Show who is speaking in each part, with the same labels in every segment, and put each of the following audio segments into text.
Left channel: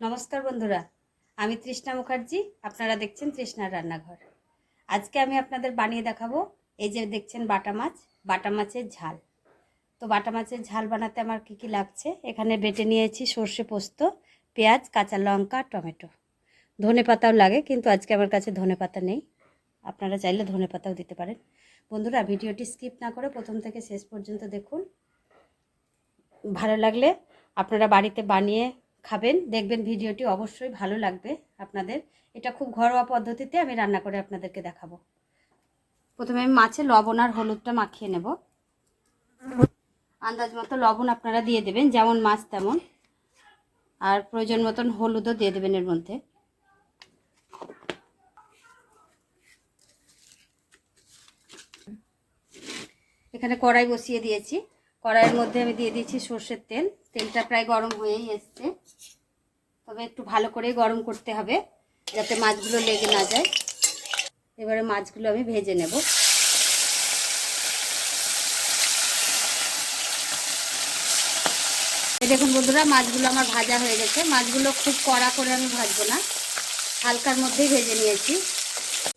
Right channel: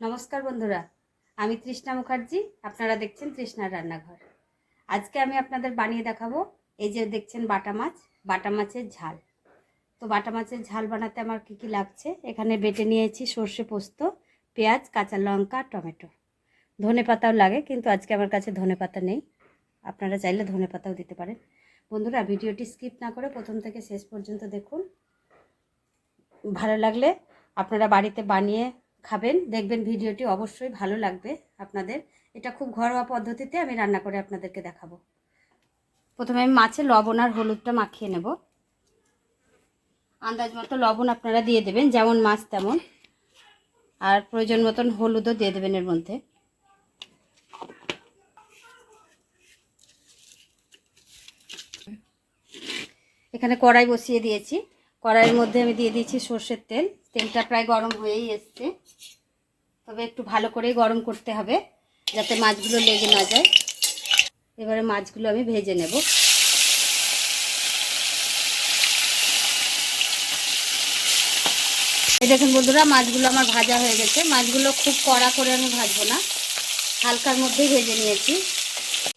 Speaker 1: নমস্কার বন্ধুরা, আমি তৃষ্ণা মুখার্জি, আপনারা দেখছেন তৃষ্ণার রান্নাঘর। আজকে আমি আপনাদের বানিয়ে দেখাবো, এই যে দেখছেন বাটা মাছ, বাটা মাছের ঝাল। তো বাটা মাছের ঝাল বানাতে আমার কী কী লাগছে? এখানে বেটে নিয়েছি সর্ষে পোস্ত, পেঁয়াজ, কাঁচা লঙ্কা, টমেটো। ধনে পাতাও লাগে, কিন্তু আজকে আমার কাছে ধনে পাতা নেই। আপনারা চাইলে ধনে পাতাও দিতে পারেন। বন্ধুরা, ভিডিওটি স্কিপ না করে প্রথম থেকে শেষ পর্যন্ত দেখুন। ভালো লাগলে আপনারা বাড়িতে বানিয়ে খাবেন, দেখবেন ভিডিওটি অবশ্যই ভালো লাগবে আপনাদের। এটা খুব ঘরোয়া পদ্ধতিতে আমি রান্না করে আপনাদেরকে দেখাবো। প্রথমে আমি মাছে লবণ আর হলুদটা মাখিয়ে নেব। আন্দাজ মতো লবণ আপনারা দিয়ে দেবেন, যেমন মাছ তেমন। আর প্রয়োজন মতন হলুদও দিয়ে দেবেন এর মধ্যে। এখানে কড়াই বসিয়ে দিয়েছি। কড়াইয়ের মধ্যে আমি দিয়ে দিয়েছি সর্ষের তেল। তেলটা প্রায় গরম হয়েই এসছে। তবে একটু ভালো করেই গরম করতে হবে, যাতে মাছগুলো লেগে না যায়। এবারে মাছগুলো আমি ভেজে নেব। দেখুন বন্ধুরা, মাছগুলো আমার ভাজা হয়ে গেছে। মাছগুলো খুব কড়া করে আমি ভাজবো না, হালকার মধ্যেই ভেজে নিয়েছি।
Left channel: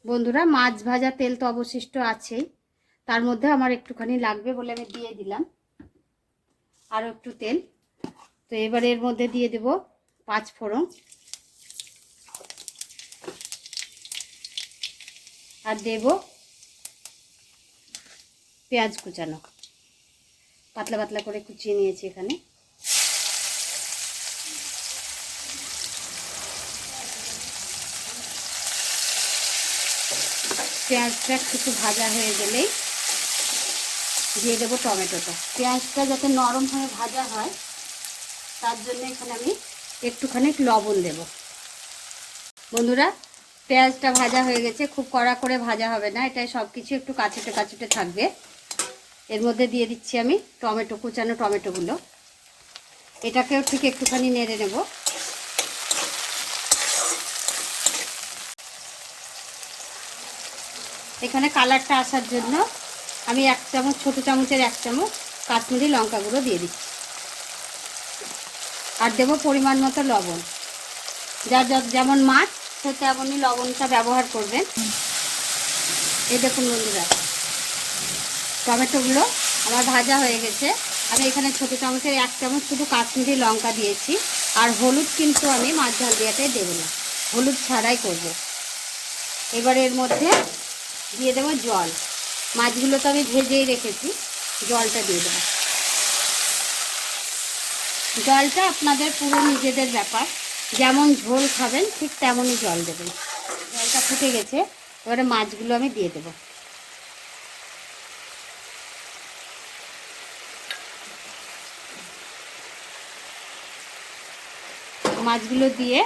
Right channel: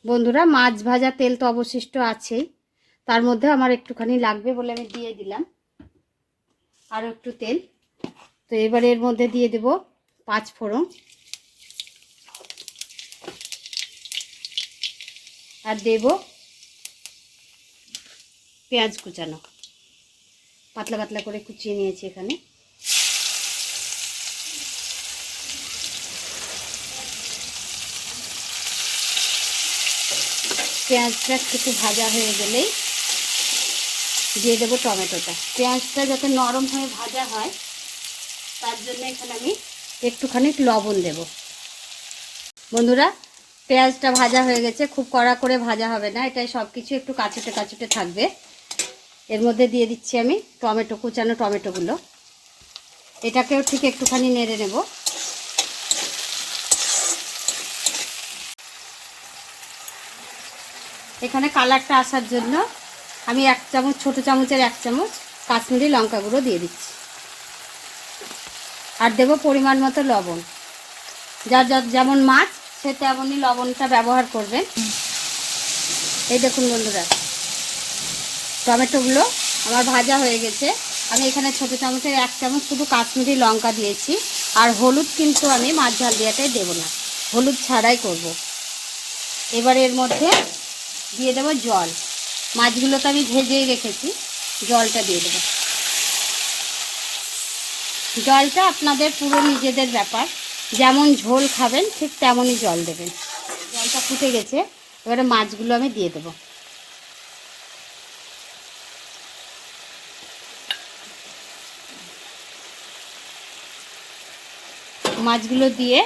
Speaker 1: বন্ধুরা, মাছ ভাজা তেল তো অবশিষ্ট আছেই। তার মধ্যে আমার একটুখানি লাগবে বলে আমি দিয়ে দিলাম। আরও একটু তেল। তো এবার এর মধ্যে দিয়ে দেব পাঁচ ফোড়ন। আর দেব পেঁয়াজ কুচানো। পাতলা পাতলা করে কুচিয়ে নিয়েছি এখানে। পেঁয়াজটা একটু ভাজা হয়ে গেলেই দিয়ে দেবো টমেটোটা। পেঁয়াজটা যাতে নরম হয়ে ভাজা হয়, তার জন্য এখানে আমি একটুখানি লবণ দেব। বন্ধুরা, পেঁয়াজটা ভাজা হয়ে গেছে। খুব কড়া করে ভাজা হবে না। এটাই সব কিছু একটু কাচুটে কাচুটে থাকবে। এর মধ্যে দিয়ে দিচ্ছি আমি টমেটো, কুচানো টমেটোগুলো। এটাকেও ঠিক একটুখানি নেড়ে নেব। এখানে কালারটা আসার জন্য আমি এক চামচ, ছোট চামচের এক চামচ কাশ্মীরি লঙ্কা গুঁড়ো দিয়ে দিচ্ছি। আর দেবো পরিমাণ মতো লবণ। যার যার যেমন মাছ, সে তেমনই লবণটা ব্যবহার করবেন এই দেখুন বন্ধুরা, টমেটোগুলো আমার ভাজা হয়ে গেছে। আমি এখানে ছোটো চামচের এক চামচ শুধু কাশ্মীরি লঙ্কা দিয়েছি। আর হলুদ কিন্তু আমি মাছ ঝাল দিয়াটাই দেবো না। হলুদ ছাড়াই করব। এবার এর মধ্যে দিয়ে দেবো জল। মাছগুলো তো আমি ভেজেই রেখেছি, জলটা দিয়ে দেবো। জলটা আপনাদের পুরো নিজেদের ব্যাপার। যেমন ঝোল খাবেন, ঠিক তেমনই জল দেবেন। জলটা ফুটে গেছে, এবারে মাছগুলো আমি দিয়ে দেবো। মাছগুলো দিয়ে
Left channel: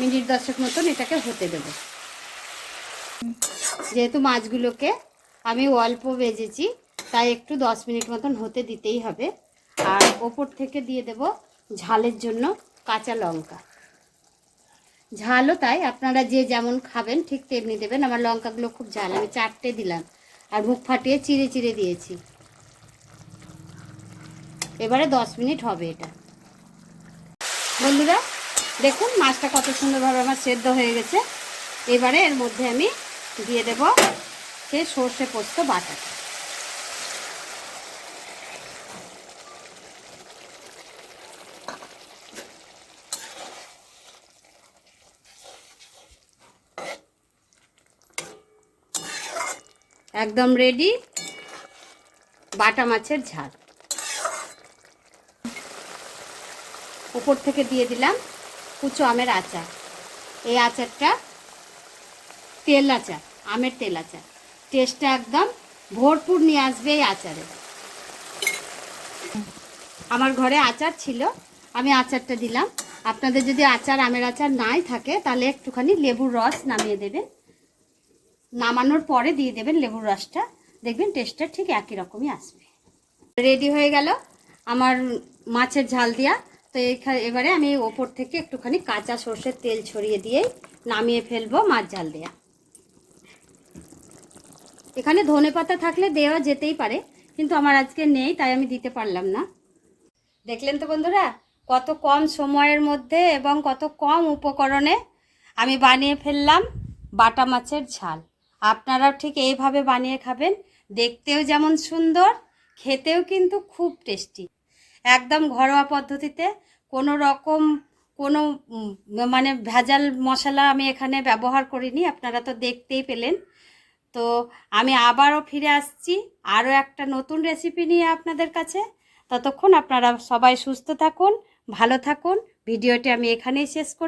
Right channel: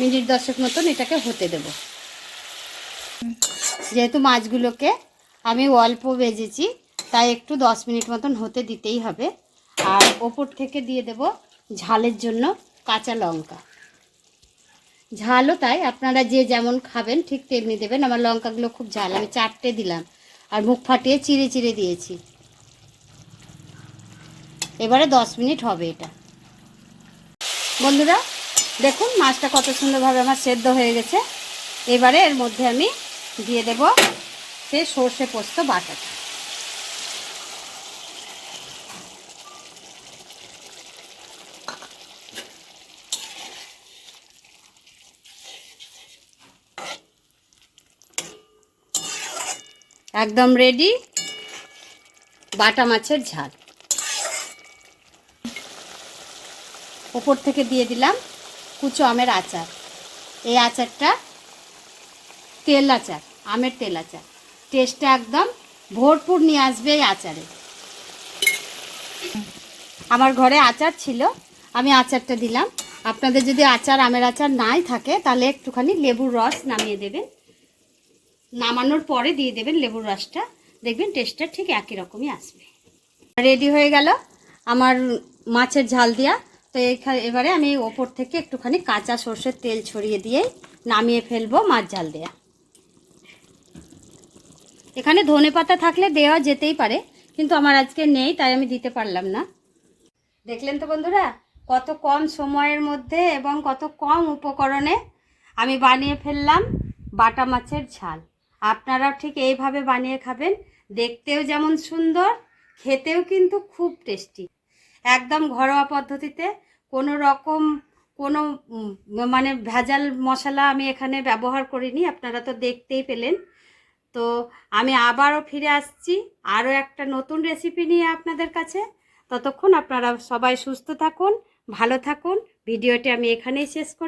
Speaker 1: মিনিট দশেক মতন এটাকে হতে দেবো। যেহেতু মাছগুলোকে আমি অল্প ভেজেছি, তাই একটু দশ মিনিট মতন হতে দিতেই হবে। ওপর থেকে দিয়ে দেব ঝালের জন্য কাঁচা লঙ্কা। ঝালও তাই, আপনারা যে যেমন খাবেন ঠিক তেমনি দেবেন। আমার লঙ্কাগুলো খুব ঝাল, আমি চারটে দিলাম। আর মুখ ফাটিয়ে চিড়ে চিড়ে দিয়েছি। এবারে দশ মিনিট হবে এটা। বন্ধুরা, দেখুন মাছটা কত সুন্দরভাবে আমার সেদ্ধ হয়ে গেছে। এবারে এর মধ্যে আমি দিয়ে দেব সে সর্ষে পোস্ত বাটা একদম রেডি বাটা মাছের ঝাল। উপর থেকে দিয়ে দিলাম কুচো আমের আচার। এই আচারটা তেল আচার, আমের তেল আচার। টেস্টটা একদম ভরপুর নিয়ে আসবে এই আচারে। আমার ঘরে আচার ছিল, আমি আচারটা দিলাম। আপনাদের যদি আচার, আমের আচার নাই থাকে, তাহলে একটুখানি লেবুর রস নামিয়ে দেবেন। নামানোর পরে দিয়ে দেবেন লেবুর রসটা। দেখবেন টেস্টটা ঠিক একই রকমই আসবে। রেডি হয়ে গেল আমার মাছের ঝাল দেওয়া তো এখানে এবারে আমি ওপর থেকে একটুখানি কাঁচা সর্ষের তেল ছড়িয়ে দিয়ে নামিয়ে ফেলব মাছ ঝাল দেয়া। এখানে ধনে পাতা থাকলে দেওয়া যেতেই পারে, কিন্তু আমার আজকে নেই, তাই আমি দিতে পারলাম না। দেখলেন তো বন্ধুরা, কত কম সময়ের মধ্যে এবং কত কম উপকরণে আমি বানিয়ে ফেললাম বাটা মাছের ঝাল। আপনারাও ঠিক এইভাবে বানিয়ে খাবেন। দেখতেও যেমন সুন্দর, খেতেও কিন্তু খুব টেস্টি। একদম ঘরোয়া পদ্ধতিতে কোনো রকম কোনো মানে ভেজাল মশলা আমি এখানে ব্যবহার করিনি, আপনারা তো দেখতেই পেলেন। তো আমি আবারও ফিরে আসছি, আরও একটা নতুন রেসিপি নিয়ে আপনাদের কাছে। ততক্ষণ আপনারা সবাই সুস্থ থাকুন, ভালো থাকুন। ভিডিওটি আমি এখানেই শেষ করি